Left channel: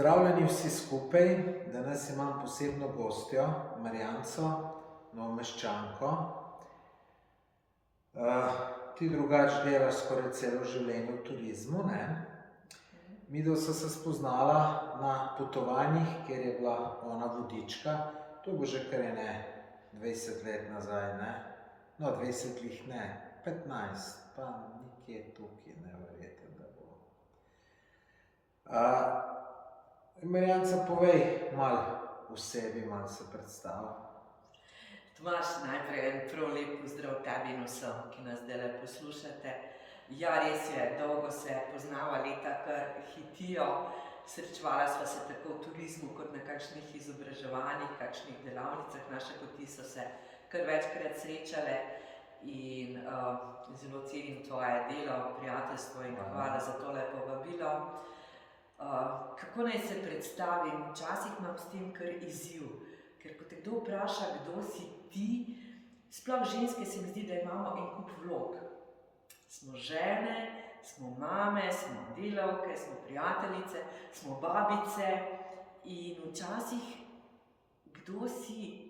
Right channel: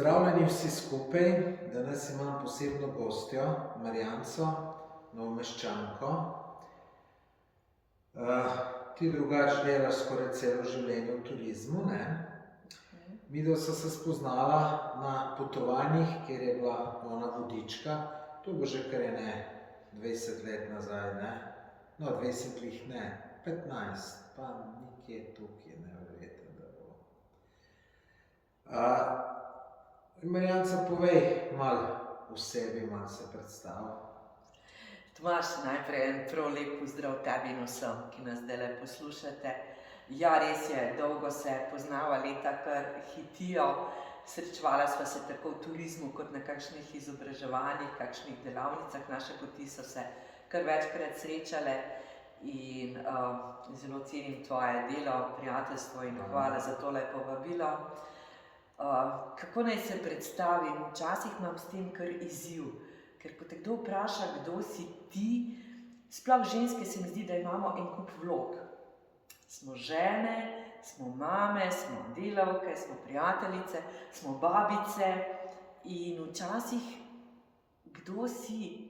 Pozdravljeni vsi skupaj, danes imam posebno gostjo, Marjanco, Novomeščanko. Ti drugače delaš skoraj celo življenje v turizmu, ne? Midva sva se spoznala na potovanjih, kjer je bila ona vodička. To bo že kar 20 let nazaj, ne? No, 20 jih ne, 15, pa nekje tukaj, neverjetno, da bo. Marjanca, povej malo o sebi, malo se predstavi. Tomaž, najprej en prav lep pozdrav tebi in vsem, ki nas zdajle poslušate. Ja, res je, dolgo se poznava, leta kar hitijo. Srečevala sva se tako v turizmu kot na kakšnih izobraževanjih, kakšnih delavnicah. Naše poti so se kar večkrat srečale in zelo cenim tvoje delo, prijateljstvo in hvala za tole povabilo. Kako naj se predstavim? Včasih imam s tem kar izziv, ker ko te kdo vpraša, kdo si ti, sploh ženske se mi zdi, da imamo en kup vlog. Smo žene, smo mame, smo delavke, smo prijateljice, smo babice in včasih kdo si,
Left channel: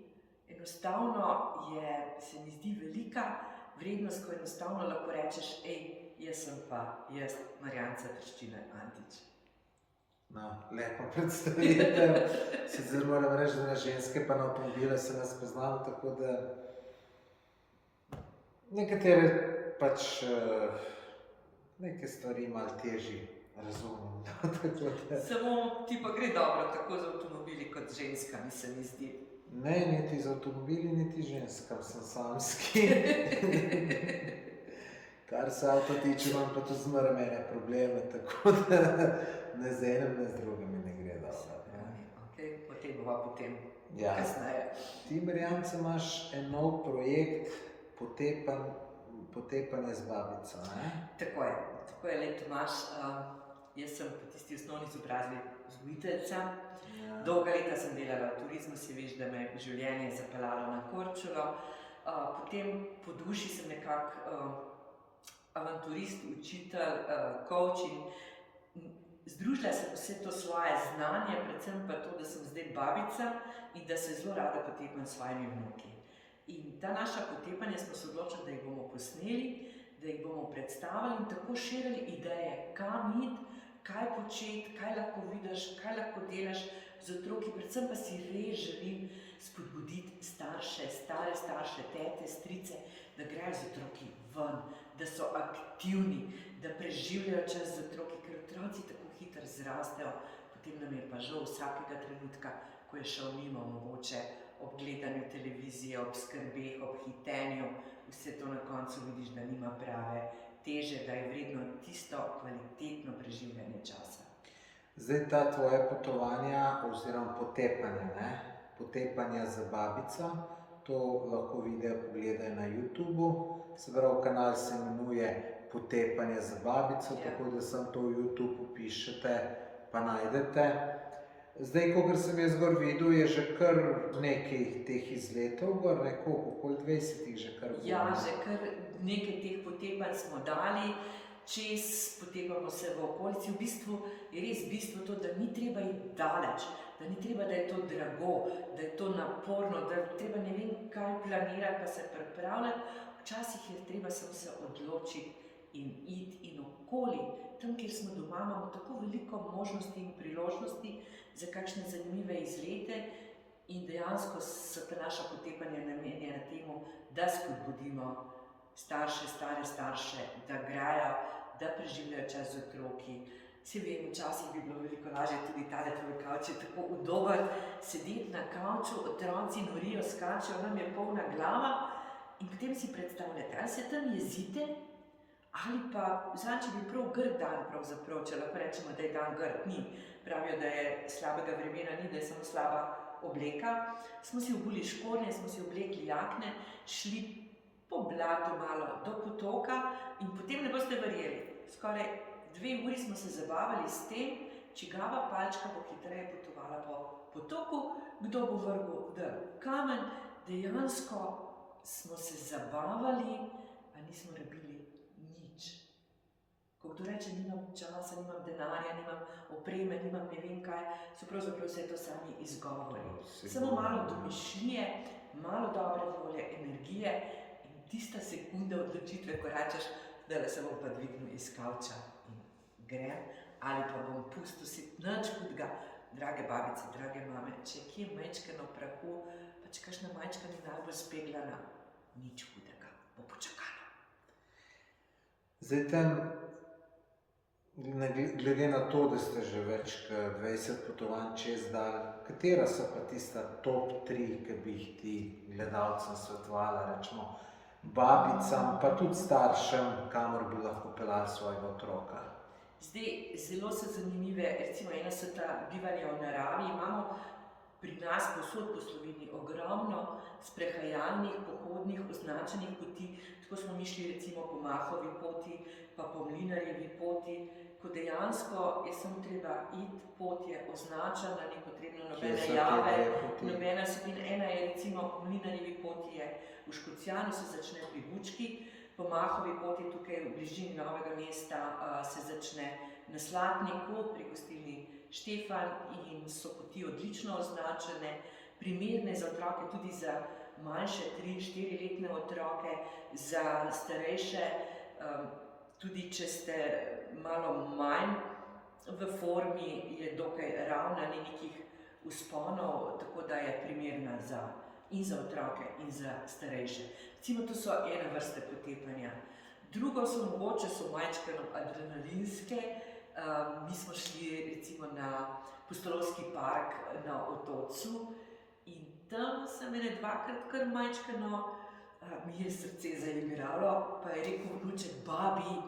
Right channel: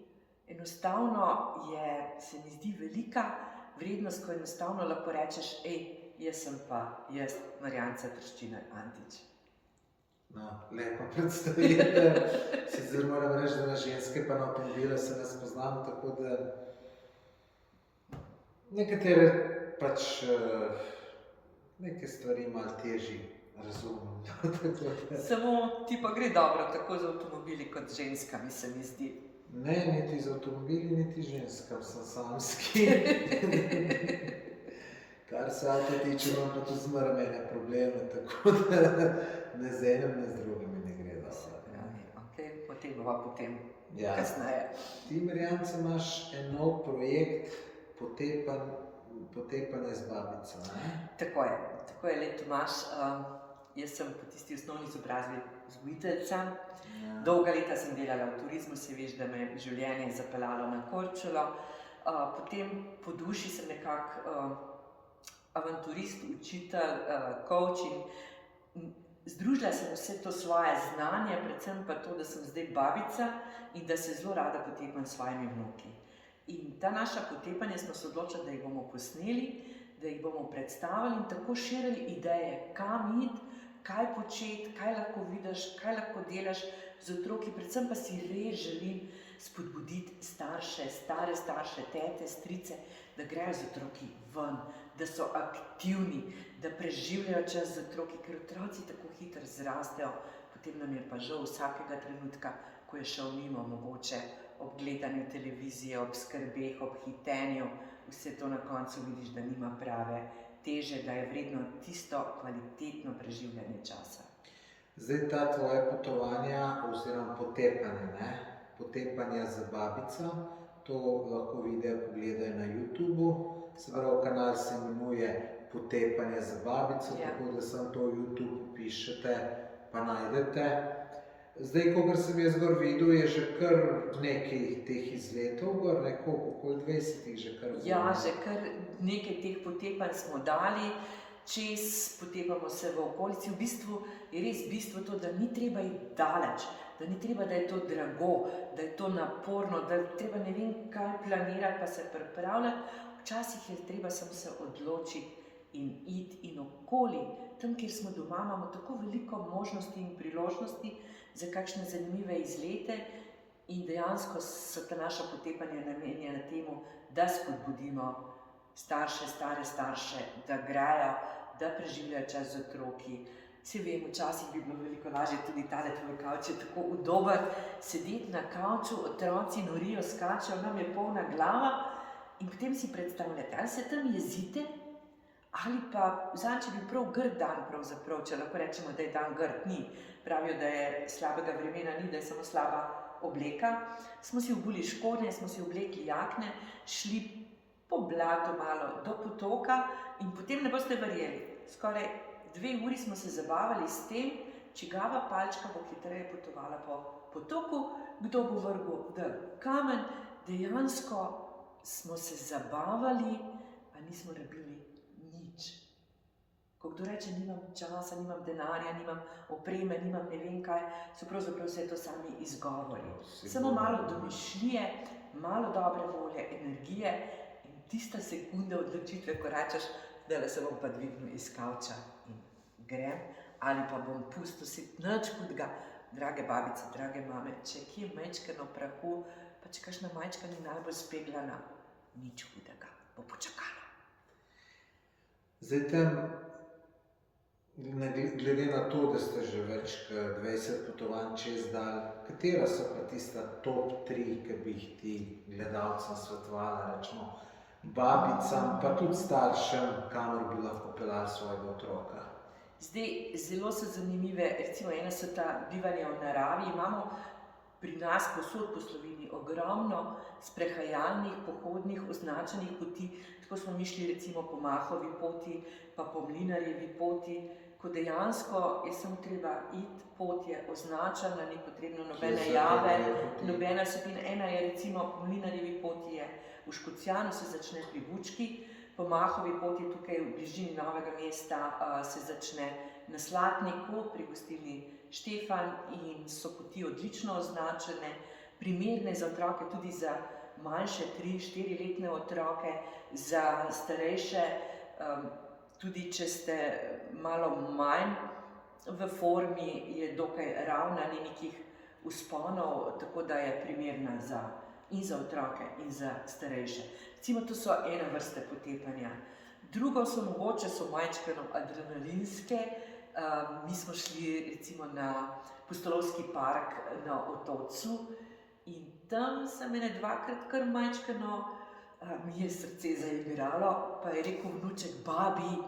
enostavno se mi zdi velika vrednost, ko enostavno lahko rečeš, jaz sem pa jaz, Marjanca Trščinar Antič. No, lepa predstavitev. Sicer moram reči, da na ženske pa na avtomobile se ne spoznam, tako da nekatere pač neke stvari malo težje razumem. Samo ti pa gre dobro tako z avtomobili kot z ženskami, se mi zdi. Ne, niti z avtomobili, niti ženskam, sem samski. Kar se avto tiče, imam pa tudi zmeraj mene probleme, tako da ne z enim, ne z drugim ne gre dobro. O tem bova potem kasneje. Ti, Marjanca, imaš en nov projekt, Potepanje z babico, ne? Tako je, Tomaž. Jaz sem po tisti osnovni izobrazbi vzgojiteljica. Dolga leta sem delala v turizmu, se veš, da me življenje je zapeljalo na Korčulo. Potem po duši sem nekako avanturist, učitelj, coach in združila sem vse to svoje znanje, predvsem pa to, da sem zdaj babica in da se zelo rada potepam s svojimi vnuki. In ta naša potepanja smo se odločili, da jih bomo posneli, da jih bomo predstavili in tako širili ideje, kam iti, kaj početi, kaj lahko vidiš, kaj lahko delaš z otroki. Predvsem pa si res želim spodbuditi starše, stare starše, tete, strice, da grejo z otroki ven, da so aktivni, da preživljajo čas z otroki, ker otroci tako hitro zrastejo, potem nam je pa žal vsakega trenutka, ko je šel mimo, mogoče ob gledanju televizije, ob skrbeh, ob hitenju, vse to na koncu vidiš, da nima prave teže, da je vredno tisto kvalitetno preživljanje časa. Zdaj ta tvoje potovanja oziroma potepanja, ne? Potepanja z babico, to lahko videa pogledajo na YouTubu. Se pravi, kanal se imenuje Potepanje z babico, tako da samo to v YouTube pišete, pa najdete. Zdaj, kolikor sem jaz gor videl, je že kar nekaj teh izletov gor, okoli 20 že kar bilo. Ja, že kar nekaj teh potepanj smo dali, čez potepamo se v okolici. V bistvu je res bistvo to, da ni treba iti daleč, da ni treba, da je to drago, da je to naporno, da je treba ne vem kaj planirati pa se pripravljati. Včasih je treba samo se odločiti in iti in okoli. Tam, kjer smo doma, imamo tako veliko možnosti in priložnosti za kakšne zanimive izlete in dejansko so ta naša potepanja namenjena temu, da spodbudimo starše, stare starše, da grejo, da preživljajo čas z otroki. Vsi vem, včasih bi bilo veliko lažje, tudi tale tvoj kavč je tako udoben, sedeti na kavču, otroci norijo, skačejo, nam je polna glava in potem si predstavljate, ali se tam jezite, ali pa če bi prav grd dan pravzaprav, če lahko rečemo, da je dan grd, ni. Pravijo, da je slabega vremena ni, da je samo slaba obleka. Smo si obuli škornje, smo si oblekli jakne, šli po blatu malo do potoka in potem ne boste verjeli. Skoraj 2 uri smo se zabavali s tem, čigava palčka bo hitreje potovala po potoku, kdo bo vrgel kamen. Dejansko smo se zabavali, a nismo rabili nič. Ko kdo reče, nimam časa, nimam denarja, nimam opreme, nimam ne vem kaj, so pravzaprav vse to sami izgovori. Samo malo domišljije, malo dobre volje, energije in tista sekunda odločitve, ko rečeš, da se bom pa dvignil iz kavča in grem, ali pa bom pustil si nič hudega. Drage babice, drage mame, če je kje majčkeno prahu, pa če kakšna majčka ni najbolj speglana, nič hudega, bo počakala. Zdaj tam, glede na to, da ste že več kot 20 potovanj čez dal, katera so pa tista top 3, ki bi jih ti gledalcem svetovala, rečemo babicam, pa tudi staršem, kamor bi lahko peljali svojega otroka? Zdaj, zelo so zanimive, recimo ene so ta bivanja v naravi, imamo pri nas povsod po Sloveniji ogromno sprehajalnih, pohodnih, označenih poti, tako smo mi šli recimo po Mahovi poti, pa po Mlinarjevi poti, ko dejansko je samo treba iti, pot je označena, ni potrebno nobene jave, nobena sopina. Ena je recimo po Mlinarjevi poti je v Škocjanu, se začne pri Bučki, po Mahovi poti tukaj v bližini Novega mesta se začne na Slatniku pri gostilni Štefan in so poti odlično označene, primerne za otroke, tudi za manjše 3-4-letne otroke, za starejše, tudi če ste malo manj v formi, je dokaj ravna, ni nekih vzponov, tako da je primerna in za otroke in za starejše. Recimo, to so ena vrsta potepanja. Drugo so mogoče majčkeno adrenalinske. Mi smo šli recimo na Pustolovski park na Otocu in tam se mene dvakrat kar majčkeno, mi je srce zaigralo, pa je rekel vnuček, babi,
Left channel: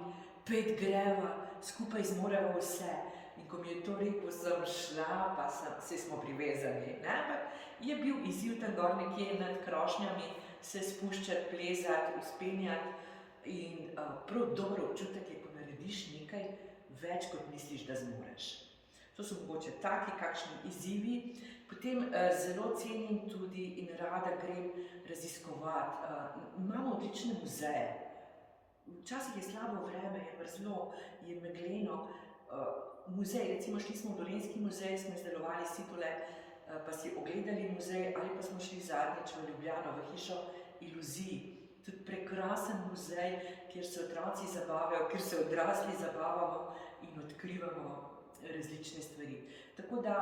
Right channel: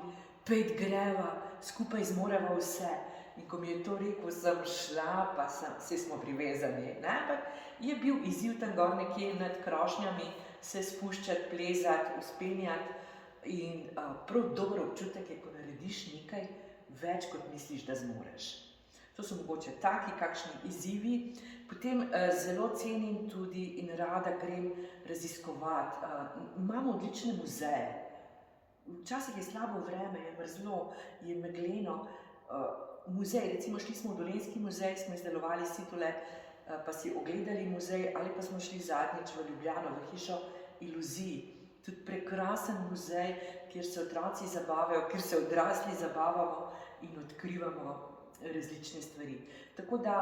pejt greva, skupaj zmoreva vse. In ko mi je to rekel, sem šla, pa saj smo privezani. Ampak je bil izziv tam gor nekje nad krošnjami, se spuščati, plezati, vzpenjati in prav dober občutek je, ko narediš nekaj več, kot misliš, da zmoreš. To so mogoče taki kakšni izzivi. Potem zelo cenim tudi in rada grem raziskovati. Imamo odlične muzeje. Včasih je slabo vreme, je mrzlo, je megleno. Muzej, recimo šli smo v Dolenjski muzej, smo izdelovali situle, pa si ogledali muzej, ali pa smo šli zadnjič v Ljubljano, v hišo iluzij. Tudi prekrasen muzej, kjer se otroci zabavajo, kjer se odrasli zabavamo in odkrivamo različne stvari. Tako da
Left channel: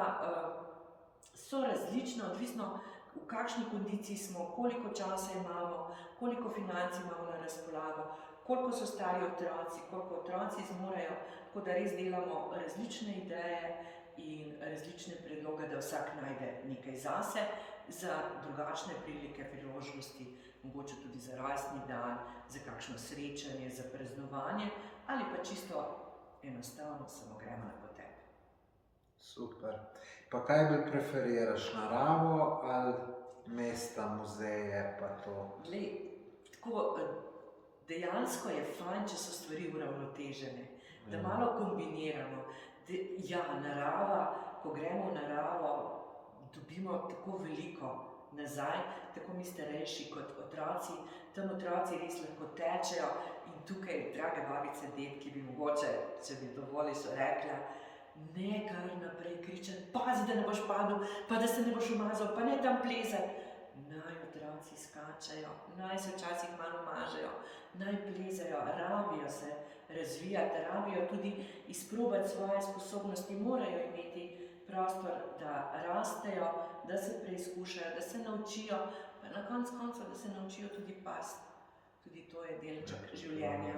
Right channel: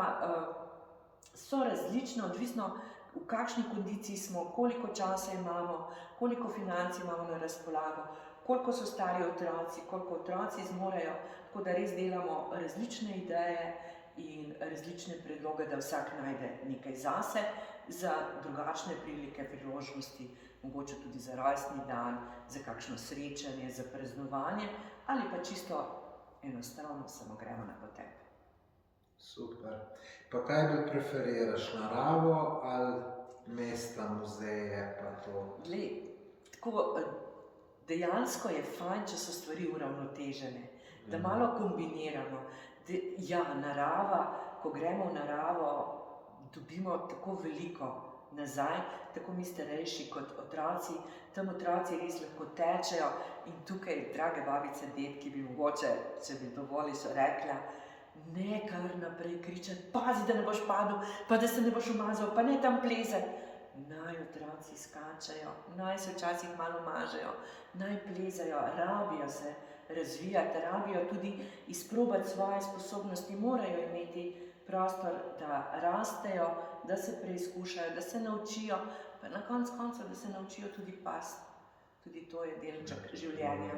so različne, odvisno v kakšni kondiciji smo, koliko časa imamo, koliko financ imamo na razpolago, koliko so stari otroci, koliko otroci zmorejo, tako da res delamo različne ideje in različne predloge, da vsak najde nekaj zase, za drugačne prilike, priložnosti, mogoče tudi za rojstni dan, za kakšno srečanje, za praznovanje ali pa čisto enostavno samo gremo na potep. Super. Pa kaj bolj preferiraš, naravo ali mesta, muzeje pa to? Glej, tako dejansko je fajn, če so stvari uravnotežene, da malo kombiniramo. Ja, narava, ko gremo v naravo, dobimo tako veliko nazaj, tako mi starejši kot otroci. Tam otroci res lahko tečejo in tukaj, drage babice, dedki, bi mogoče, če bi dovolili, so rekla, ne kar naprej kričati, pazi, da ne boš padel, pa da se ne boš umazal, pa ne tam plezati. Naj otroci skačejo, naj se včasih malo mažejo, naj plezajo, rabijo se razvijati, rabijo tudi izprobati svoje sposobnosti, morajo imeti prostor, da rastejo, da se preizkušajo, da se naučijo, pa na koncu koncev, da se naučijo tudi pasti. Tudi to je delček življenja.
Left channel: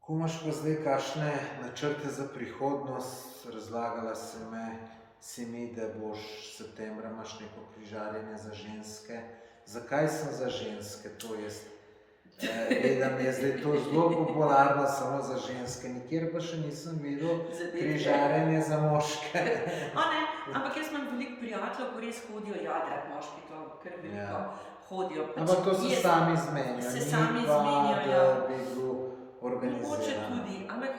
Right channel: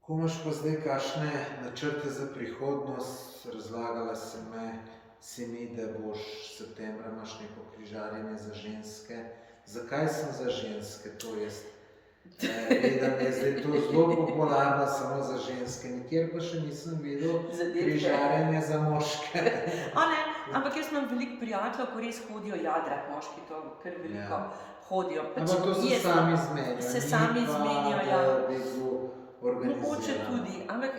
Ko imaš pa zdaj kakšne načrte za prihodnost, razlagala si mi, da boš septembra imaš neko križarjenje za ženske. Zakaj sem za ženske? To jest, vedem, je zdaj to zelo popularno samo za ženske, nikjer pa še nisem videl križarjenje za moške. Ampak jaz imam veliko prijateljev, ko res hodijo jadrat, moški to kar veliko hodijo. Ampak to se sami zmenijo. Se sami zmenijo, ja. Mogoče tudi, ampak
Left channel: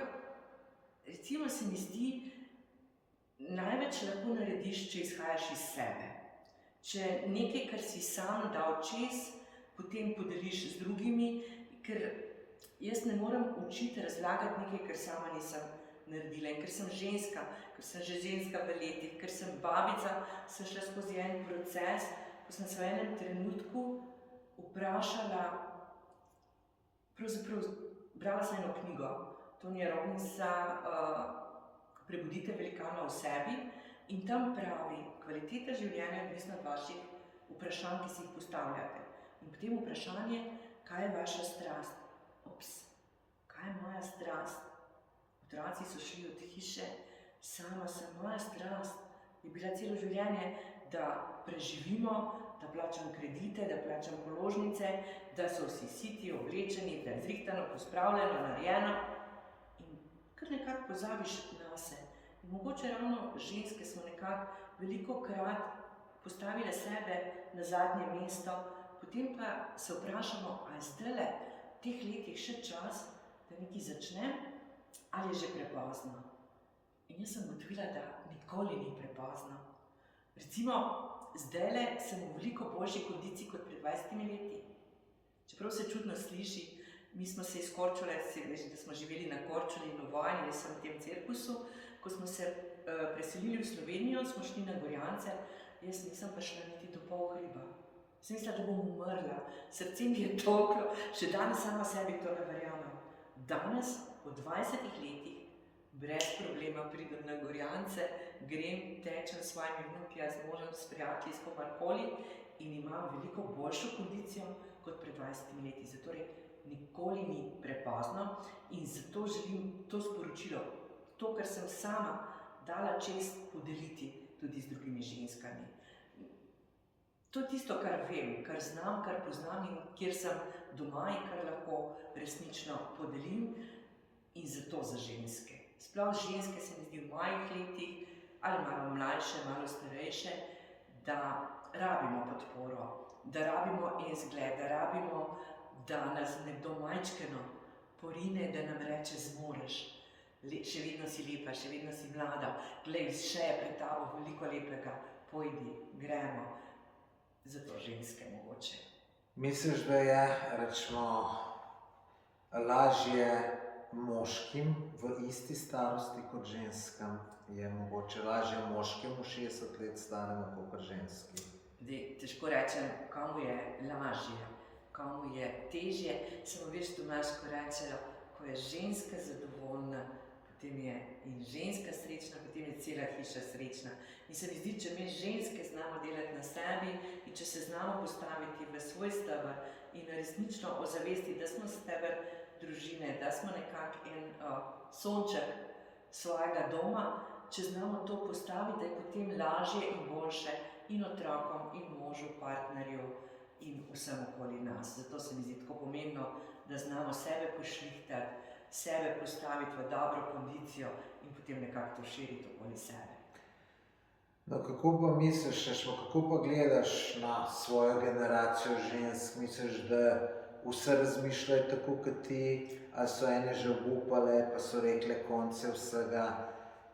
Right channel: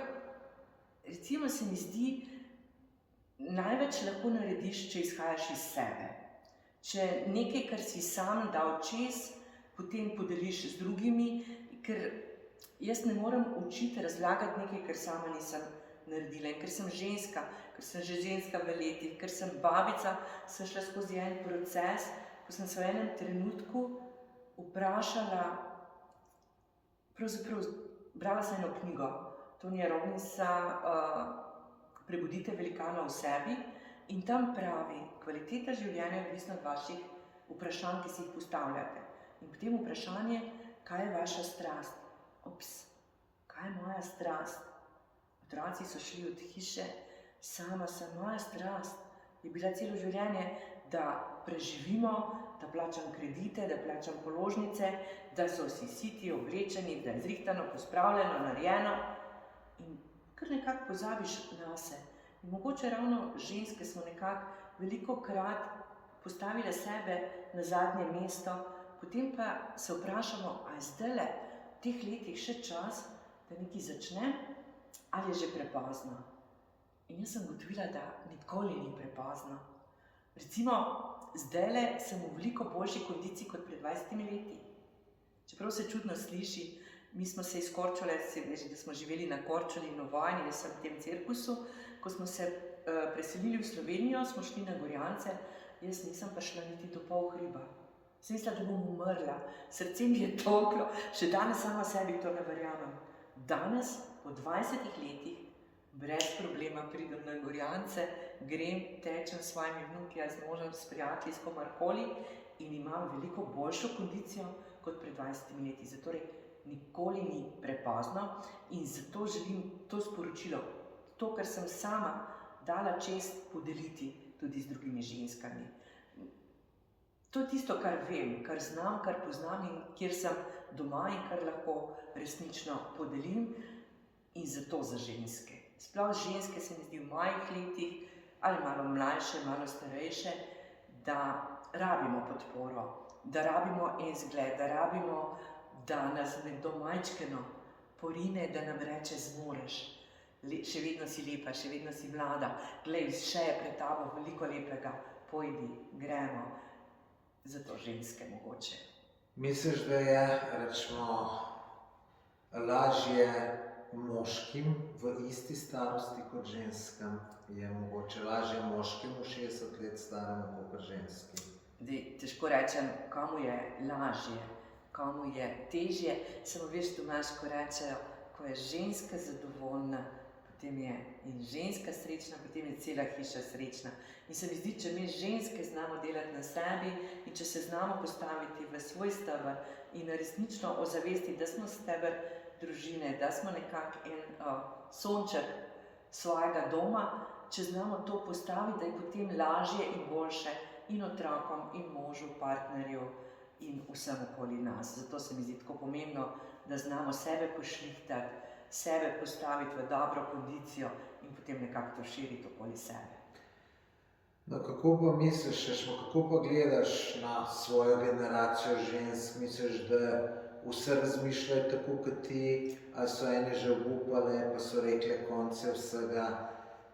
recimo se mi zdi, največ lahko narediš, če izhajaš iz sebe. Če nekaj, kar si sam dal čez, potem podeliš z drugimi, ker jaz ne morem učiti, razlagati nekaj, kar sama nisem naredila. In ker sem ženska, ker sem že ženska v letih, ker sem babica, sem šla skozi en proces, ko sem se v enem trenutku vprašala, pravzaprav brala sem eno knjigo, Tonija Robinsa, Prebudite velikana v sebi, in tam pravi, kvaliteta življenja je odvisna od vaših vprašanj, ki si jih postavljate. In potem vprašanje, kaj je vaša strast? Ops, kaj je moja strast? Otroci so šli od hiše, sama sem, moja strast je bila celo življenje, da preživimo, da plačam kredite, da plačam položnice, da so vsi siti, oblečeni, da je zrihtano, pospravljeno, narejeno. In kar nekako pozabiš na se. In mogoče ravno ženske smo nekako velikokrat postavile sebe na zadnje mesto, potem pa se vprašamo, a je zdajle v teh letih še čas, da nekaj začnem, ali je že prepozno. In jaz sem ugotovila, da nikoli ni prepozno. Recimo, zdajle sem v veliko boljši kondiciji kot pred 20 leti. Čeprav se čudno sliši, mi smo se iz Korčule, da smo živeli na Korčuli in v vojni, jaz sem v tem cirkusu, ko smo se preselili v Slovenijo, smo šli na Gorjance, jaz nisem pa šla niti do pol hriba. Sem mislila, da bom umrla, srce mi je toklo, še danes sama sebi to ne verjamem. Danes, po 20 letih, brez problema pridem na Gorjance, grem, tečem s svojimi vnuki, z možem, s prijatelji, s komarkoli in imam veliko boljšo kondicijo kot pred 20 leti. Zatorej nikoli ni prepozno in zato želim to sporočilo, to, kar sem sama dala čest podeliti tudi z drugimi ženskami. To je tisto, kar vem, kar znam, kar poznam in kjer sem doma in kar lahko resnično podelim in zato za ženske. Sploh ženske se mi zdi v mojih letih, ali malo mlajše, malo starejše, da rabimo podporo, da rabimo izgled, da rabimo, da nas nekdo majčkeno porine, da nam reče zmoreš. Še vedno si lepa, še vedno si mlada, glej, še je pred tabo veliko lepega, pojdi, gremo. Zato ženske mogoče. Misliš, da je, rečemo, lažje moškim v isti starosti kot ženskam? Je mogoče lažje moškemu 60 let staremu kot ženski? Težko rečem, komu je lažje, komu je težje. Samo veš, Tomaž, ko rečejo, ko je ženska zadovoljna, potem je in ženska srečna, potem je cela hiša srečna. In se mi zdi, če mi ženske znamo delati na sebi in če se znamo postaviti v svoj steber in resnično ozavestiti, da smo steber družine, da smo nekako en sonček svojega doma, če znamo to postaviti, da je potem lažje in boljše in otrokom, in možu, partnerju in vsem okoli nas. Zato se mi zdi tako pomembno, da znamo sebe pošlihtati, sebe postaviti v dobro kondicijo in potem nekako to širiti okoli sebe. No, kako pa misliš, kako pa gledaš na svojo generacijo žensk? Misliš, da vse razmišljajo tako kot ti, ali so ene že obupale, pa so rekle konce vsega?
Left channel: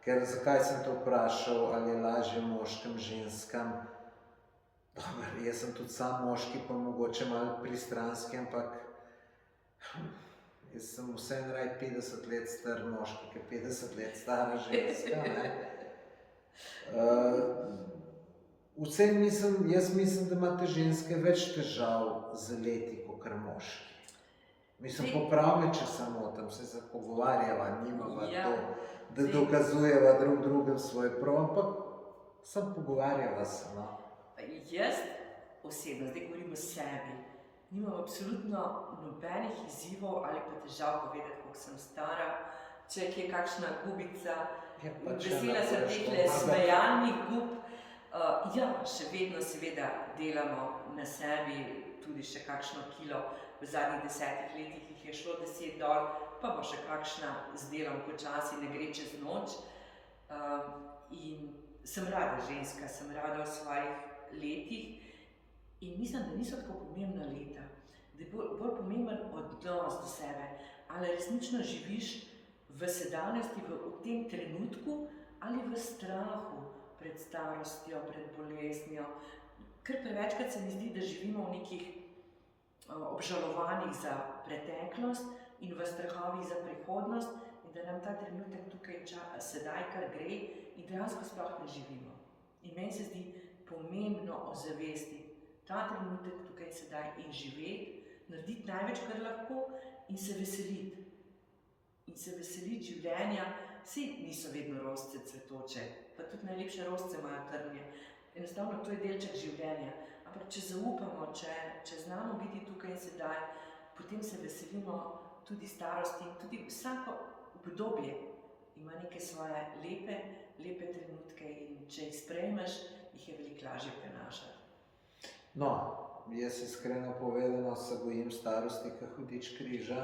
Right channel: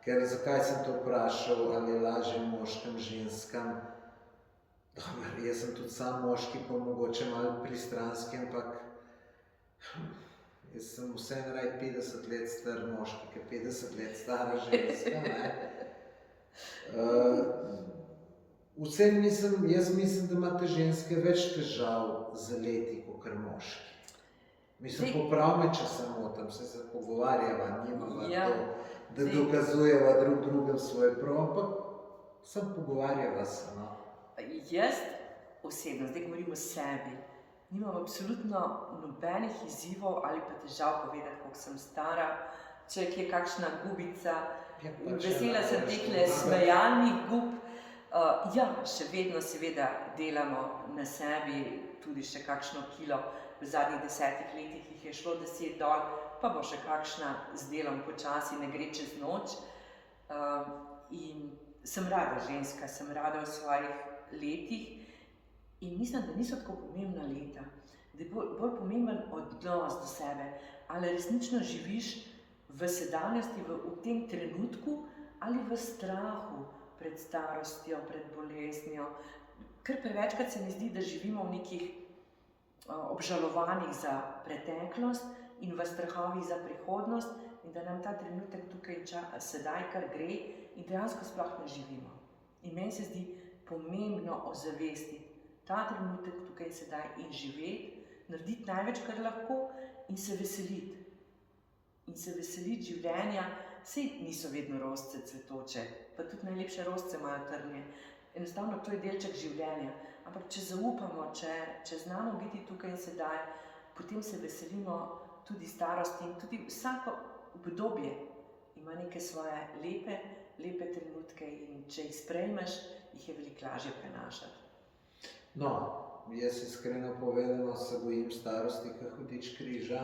Ker zakaj sem to vprašal, ali je lažje moškim, ženskam? Dobar, jaz sem tudi sam moški, pa mogoče malo pristranski, ampak jaz sem vseeno raj 50 let star moški, ki 50 let stara ženska, ne? Jaz mislim, da imate ženske več težav z leti, kot moški. Mislim, poprav me, če se motim, se pogovarjava, nimava to, da dokazujeva drug drugem svoj prav, ampak sem pogovarjava se, no. Jaz osebno, zdaj govorim o sebi, nimam absolutno nobenih izzivov ali pa težav povedati, koliko sem stara, če je kakšna gubica, vesela sem tehle smejalnih gub. Ja, še vedno seveda delamo na sebi, tudi še kakšno kilo, v zadnjih 10 letih jih je šlo 10 dol, pa bo še kakšna z delom počasi, ne gre čez noč. In sem rada ženska, sem rada v svojih letih in mislim, da niso tako pomembna leta, da je bolj pomemben odnos do sebe, ali resnično živiš v sedanjosti, v tem trenutku ali v strahu pred starostjo, pred boleznjo. Ker prevečkrat se mi zdi, da živimo v nekih obžalovanjih za preteklost, in v strahovih za prihodnost in da nam ta trenutek tukaj sedaj kar gre in dejansko sploh ne živimo. In meni se zdi pomembno ozavestiti ta trenutek tukaj sedaj in živeti, narediti največ, kar lahko in se veseliti. In se veseliti življenja, saj niso vedno rožice cvetoče, pa tudi najlepše rožice imajo trnje. Enostavno to je delček življenja. Ampak če zaupamo, če znamo biti tukaj in sedaj, potem se veselimo tudi starosti in tudi vsako obdobje ima neke svoje lepe trenutke in če jih sprejmeš, jih je veliko lažje prenašati. No, jaz iskreno povedano se bojim starosti, kot hudič križa.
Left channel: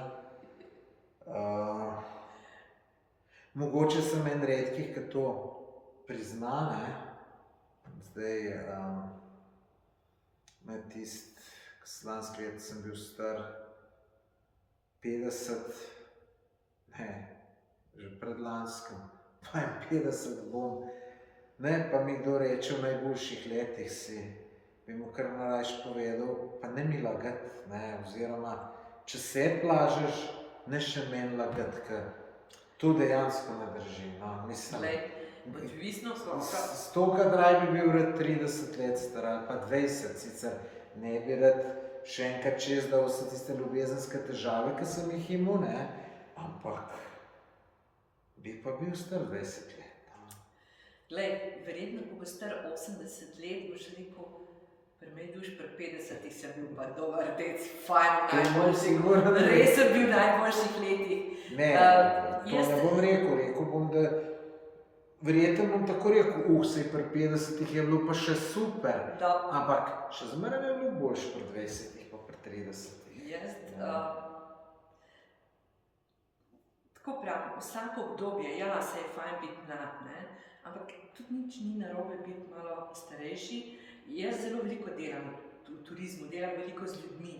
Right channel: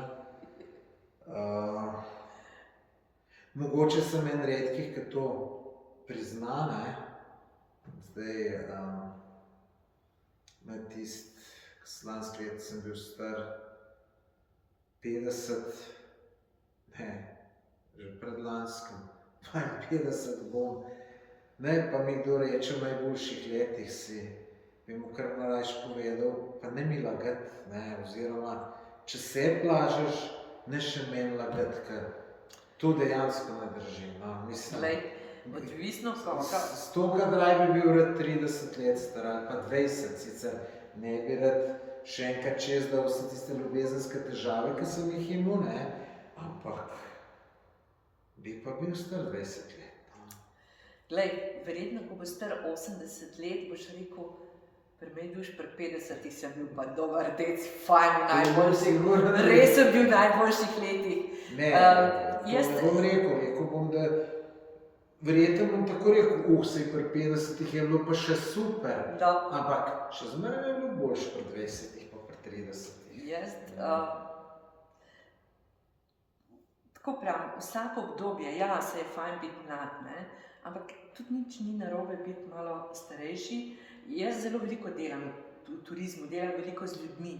Mogoče sem en redkih, ki to prizna, ne. Zdaj, med lansko leto sem bil star 50, ne, že predlanskem, 52 bom. Ne, pa mi kdo reče v najboljših letih si, bi mu kar najrajši povedal, pa ne mi lagati, ne, oziroma, če se plažeš, ne še meni lagati, ker to dejansko ne drži, no, mislim. Odvisno koga. Stoka draj bi bil rad 30 let star ali pa 20, sicer ne bi rad še enkrat čez, da vse tiste ljubezenske težave, ki sem jih imel, ne, ampak bi pa bil star 20 let. Glej, verjetno, ko bo star 80 let, boš rekel, pri meni duš pri 50 sem bil pa dober dec, fajn, najboljših, res sem bil v najboljših letih. Ne, to ne bom rekel bom, da verjetno bom tako rekel, sej pri 50 je bilo pa še super, ampak še zmeraj je bilo boljše pri 20 pa pri 30. Jaz, tako pravim, vsako obdobje, ja, se je fajn biti mlad, ne, ampak tudi nič ni narobe biti malo starejši. Jaz zelo veliko delam v turizmu, delam veliko z ljudmi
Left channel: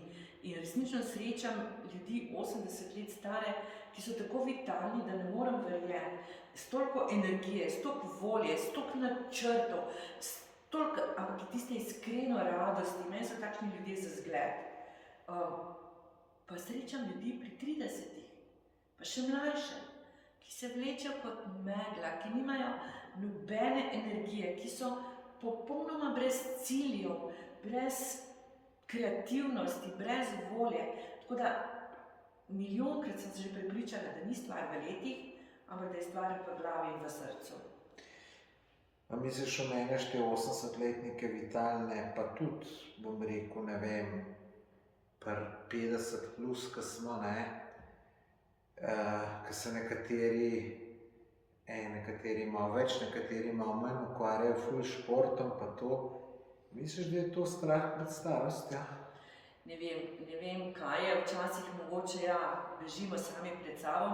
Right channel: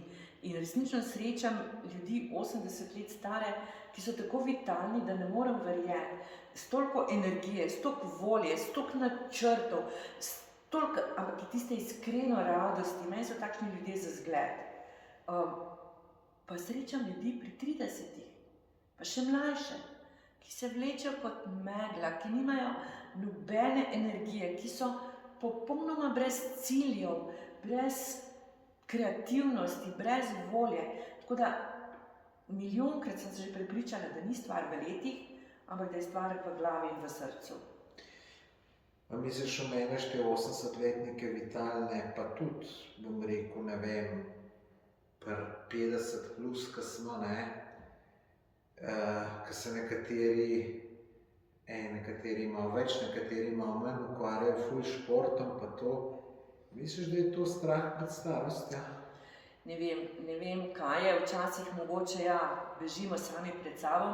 in resnično srečam ljudi 80 let stare, ki so tako vitalni, da ne morem verjeti, s toliko energije, s toliko volje, s toliko načrtov, ampak je tiste iskreno radosti, meni so takšni ljudje za zgled. Pa srečam ljudi pri 30-ih, pa še mlajše, ki se vlečejo kot megla, ki nimajo nobene energije, ki so popolnoma brez ciljev, brez kreativnosti, brez volje. Tako da milijonkrat sem se že prepričala, da ni stvar v letih, ampak da je stvar v glavi in v srcu. A misliš, omenjaš te 80-letnike vitalne, pa tudi, bom rekel, ne vem, pri 50 plus, ko smo, ne, ko se nekateri malo več, nekateri malo manj ukvarjajo ful športom, pa to, misliš, da je to strah pred starostjo? Ne vem, kaj je, včasih mogoče, ja, bežimo sami pred sabo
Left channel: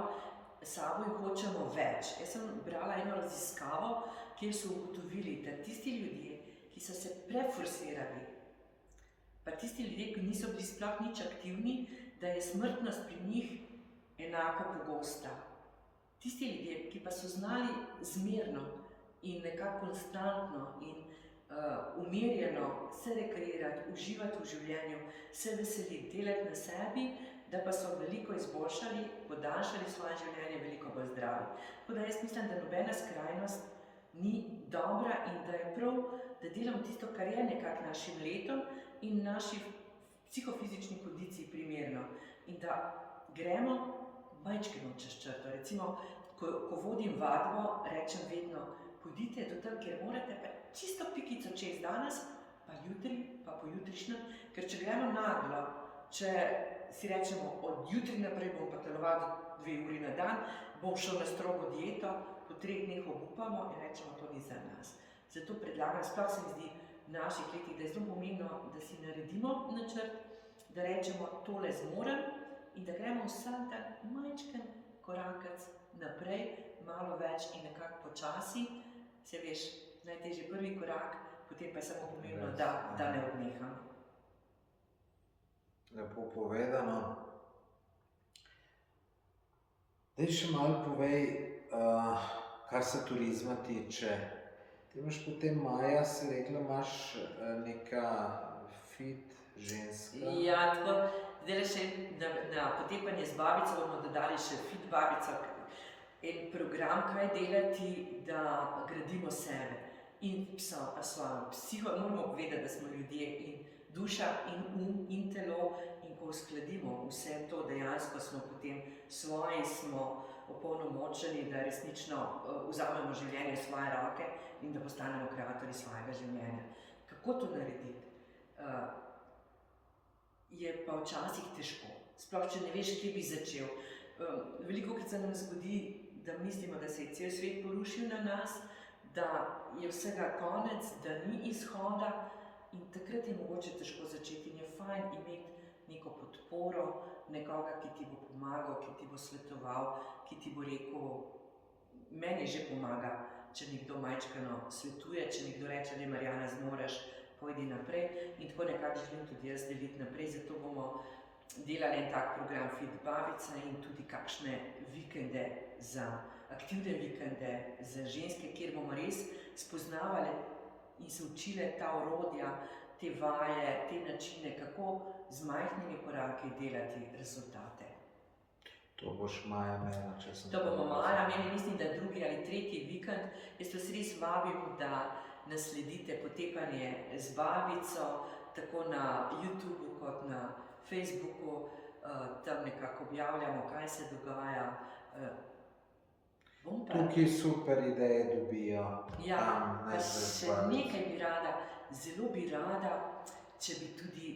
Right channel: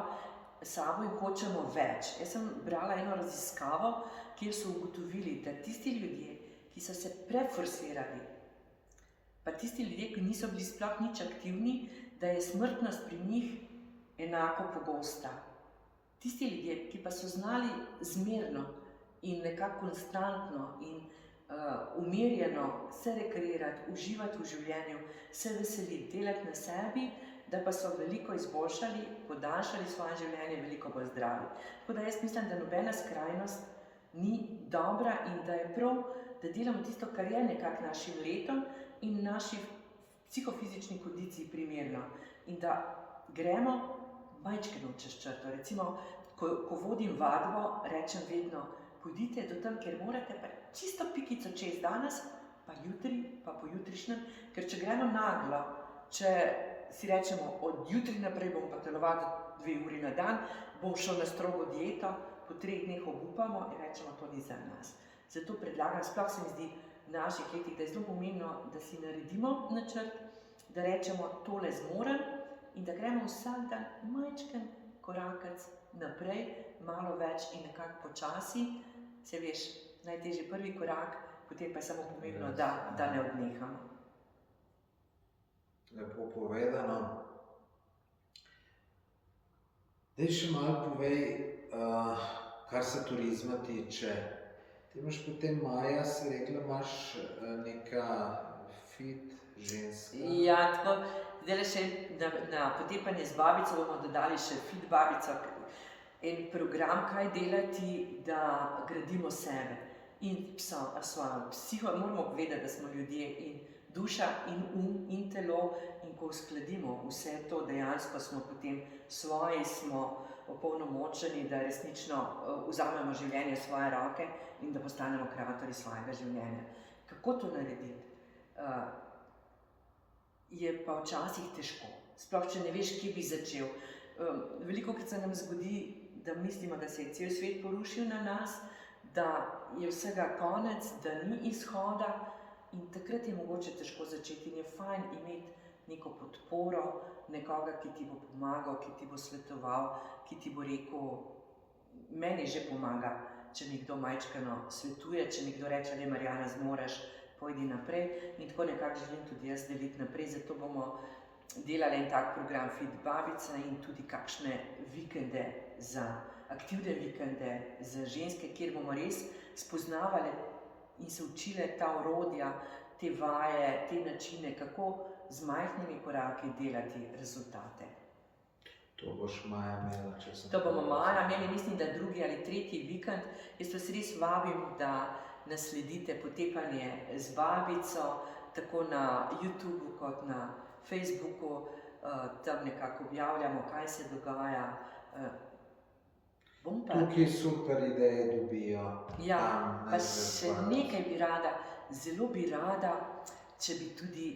in hočemo več. Jaz sem brala eno raziskavo, kjer so ugotovili, da tisti ljudje, ki so se preforsirali, pa tisti ljudje, ki niso bili sploh nič aktivni, da je smrtnost pri njih enako pogosta. Tisti ljudje, ki pa so znali zmerno in nekako konstantno in umirjeno se rekreirati, uživati v življenju, se veseliti, delati na sebi, da pa so veliko izboljšali, podaljšali svoje življenje, veliko bolj zdravi. Tako da jaz mislim, da nobena skrajnost ni dobra in da je prav, da delamo tisto, kar je nekako našim letom in naši psihofizični kondiciji primerno. In da gremo majčkeno čez črto. Recimo, ko vodim vadbo, rečem vedno, pojdite do tam, kjer morate, pa čisto pikico čez danes, pa jutri, pa pojutrišnjem, ker če gremo naglo, če si rečemo, od jutri naprej bom pa telovadil 2 uri na dan, bom šel na strogo dieto, po 3 dneh obupamo in rečemo, to ni za nas. Zato predlagam, sploh se mi zdi v naših letih, da je zelo pomembno, da si naredimo načrt, da rečemo, tole zmorem in da gremo vsak dan majčken korakec naprej, malo več in nekako počasi. Se veš, najtežji prvi korak, potem pa je samo pomembno, da ne odnehamo. Lepo povedano. Daj še malo povej, kar se turizma tiče. Ti imaš potem Maja, si rekla, imaš neka fit ženska. Ja, tako, zdaj še na potepanje z babico bomo dodali še fit babico, en program, kaj delati, da gradimo sebe in svojo psiho. Moramo povedati, da smo ljudje in duša in in telo, in ko uskladimo vse to, dejansko smo potem svoji, smo opolnomočeni, da resnično vzamemo življenje v svoje roke in da postanemo kreatorji svojega življenja. Kako to narediti? Je pa včasih težko, sploh če ne veš, kje bi začel. Velikokrat se nam zgodi, da mislimo, da se je cel svet porušil na nas, da je vsega konec, da ni izhoda, in takrat je mogoče težko začeti in je fajn imeti neko podporo, nekoga, ki ti bo pomagal, ki ti bo svetoval, ki ti bo rekel, meni že pomaga, če nekdo majčkeno svetuje, če nekdo reče, da Marjana zmoreš, pojdi naprej, in tako nekako želim tudi jaz deliti naprej, zato bomo delali en tak program Fit babica in tudi kakšne vikende, aktivne vikende za ženske, kjer bomo res spoznavali in se učile ta orodja, te vaje, te načine, kako z majhnimi koraki delati rezultate. To boš maja imela, če sem... To bomo maja imeli, mislim, da 2. ali 3. vikend. Jaz vas res vabim, da nasledite potepanje z babico, tako na YouTubu kot na Facebooku, tam nekako objavljamo, kaj se dogaja. Tukaj super ideje dobijo. Ja, pa še nekaj bi rada, zelo bi rada, če bi tudi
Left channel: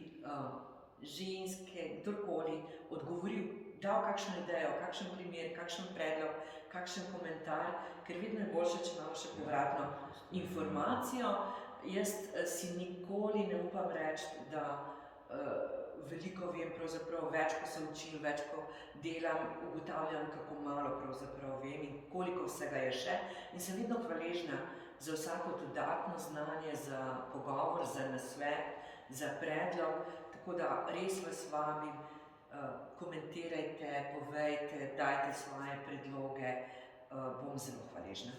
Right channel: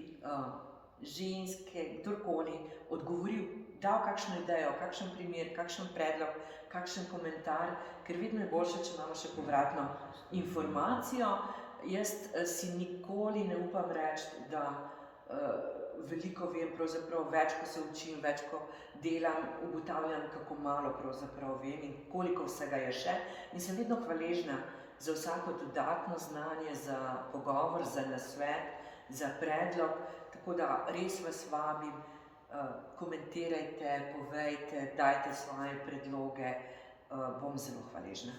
ženske, kdorkoli, odgovoril, dal kakšno idejo, kakšen primer, kakšen predlog, kakšen komentar, ker vedno je boljše, če imamo še povratno informacijo. Jaz si nikoli ne upam reči, da veliko vem, pravzaprav več, ko se učim, več, ko delam, ugotavljam, kako malo pravzaprav vem in koliko vsega je še. In sem vedno hvaležna za vsako dodatno znanje, za pogovor, za nasvet, za predlog, tako da res vas vabim, komentirajte, povejte, dajte svoje predloge, bom zelo hvaležna.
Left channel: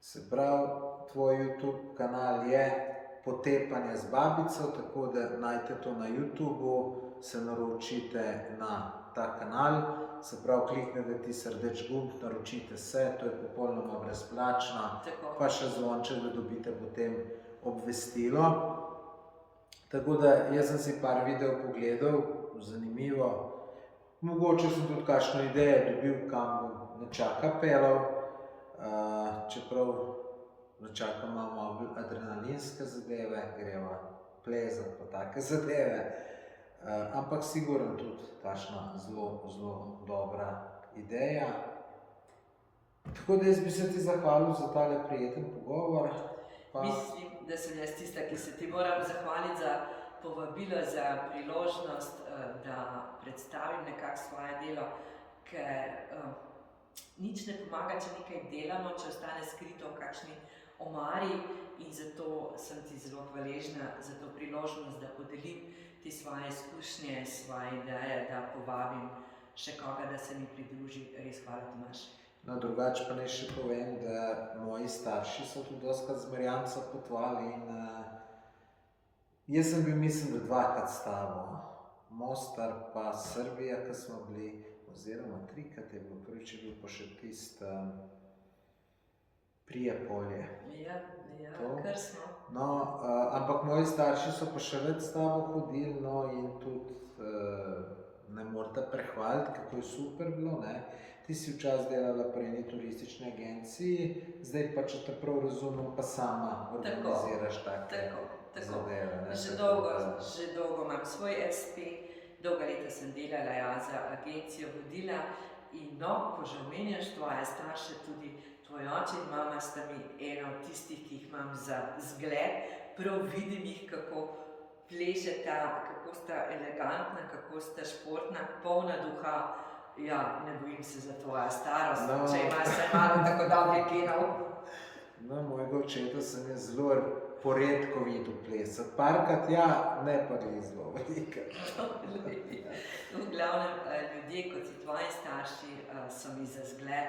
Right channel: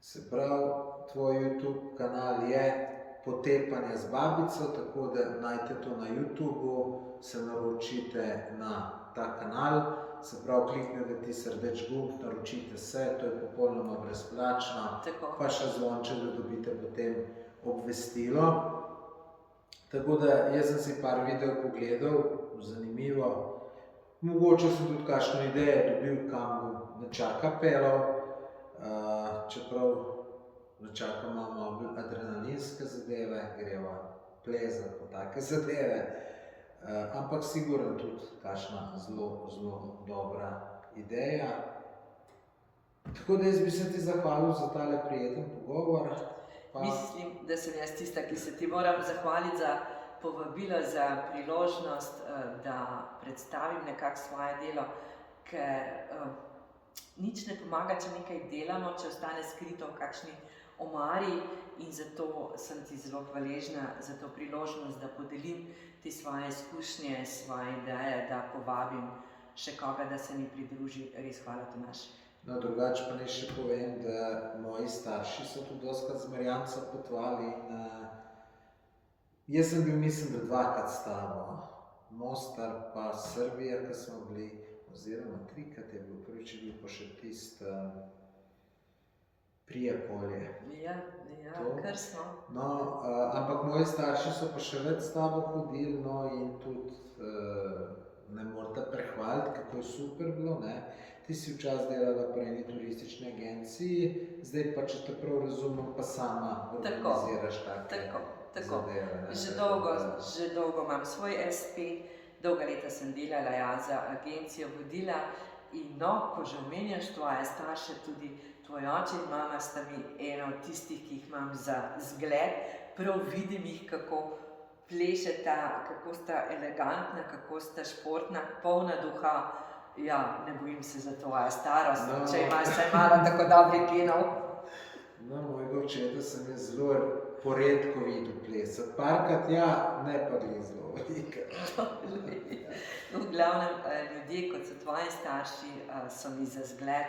Se pravi, tvoj YouTube kanal je Potepanje z babico, tako da najdete to na YouTubu, se naročite na ta kanal, se pravi, kliknete tisti rdeč gumb, naročite se, to je popolnoma brezplačno, pa še zvonček, da dobite potem obvestilo. Tako da jaz sem si par videov pogledal, zanimivo, mogoče sem tudi kakšno idejo dobil, kam bom nečaka pelal, čeprav nečaka malo adrenalinske zadeve, greva plezati pa take zadeve, ampak sigurno tudi kakšna zelo, zelo dobra ideja. Tako da jaz bi se ti zahvalil za tale prijeten pogovor. Mislim, da sem jaz tista, ki se ti moram zahvaliti za povabilo, za priložnost, da predstavim nekako svoje delo, ker nič ne pomaga, če nekaj delamo, če ostane skrito v kakšni omari, in zato sem ti zelo hvaležna za to priložnost, da podelim te svoje izkušnje, svoje ideje, da povabim še koga, da se mi pridruži. Res hvala ti, Maš. No, drugače pa naj še povem, da moji starši so tudi dostikrat z Marjanico potovali in jaz sem bil, mislim, da 2-krat s tabo. Mostar pa Srbija, ko smo bili, oziroma 3-krat je bil, prvič je bil pa še tisti Prijepolje. Ja, kar smo. No, ampak moji starši so pa še več s tabo hodili, no, in tudi ne morete prehvaliti, kako je super bilo, ne. Ti si včasih delala pri eni turistični agenciji, zdaj pa, če te prav razumem, pa sama organiziraš take zadeve, ne. Že dolgo imam svoj SP, dolga leta sem delala, ja, za agencijo vodila, in no, ko že omenjaš tvoje starše, tudi tvoj oče in mama sta mi ena od tistih, ki jih imam za zgled, prav vidim jih, kako plešeta, kako sta elegantna, kako sta športna, polna duha. Ja, ne bojim se za tvojo starost, če imaš vsaj malo tako dobrih genov. No, mojega očeta sem jaz zelo poredko videl plesati. Parkrat ja, ne pa glih zelo veliko. V glavnem, ljudje, kot so tvoji starši, so mi za zgled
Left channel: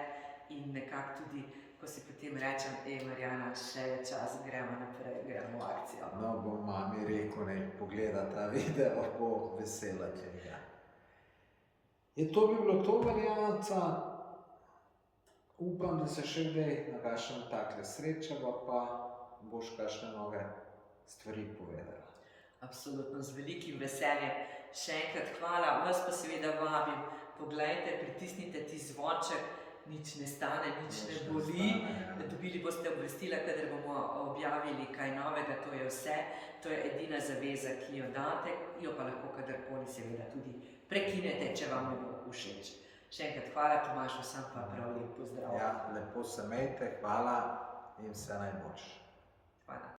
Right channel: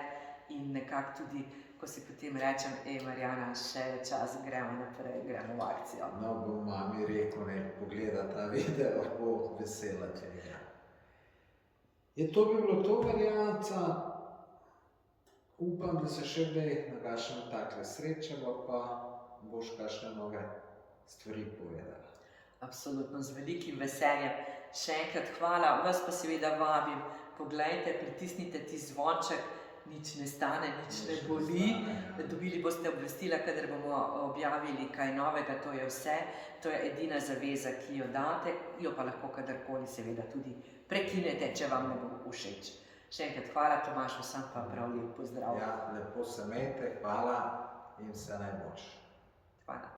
in nekako tudi, ko si potem rečem, Marjana, še je čas, gremo naprej, gremo v akcijo. No, bom mami rekel, naj pogleda ta video, bo vesela, če ja. To bi bilo to, Marjanica. Upam, da se še kdaj na kakšnem takle srečamo, pa boš kakšne nove stvari povedala. Absolutno, z velikim veseljem. Še enkrat hvala, vas pa seveda vabim, poglejte, pritisnite ti zvonček, nič ne stane, nič ne boli. Dobili boste obvestila, kadar bomo objavili kaj novega, to je vse. To je edina zaveza, ki jo date, jo pa lahko kadarkoli seveda tudi prekinete, če vam ne bo všeč. Še enkrat hvala, Tomaž, vsem pa prav lep pozdrav. Ja, lepo se imejte, hvala in vse najboljše. Hvala.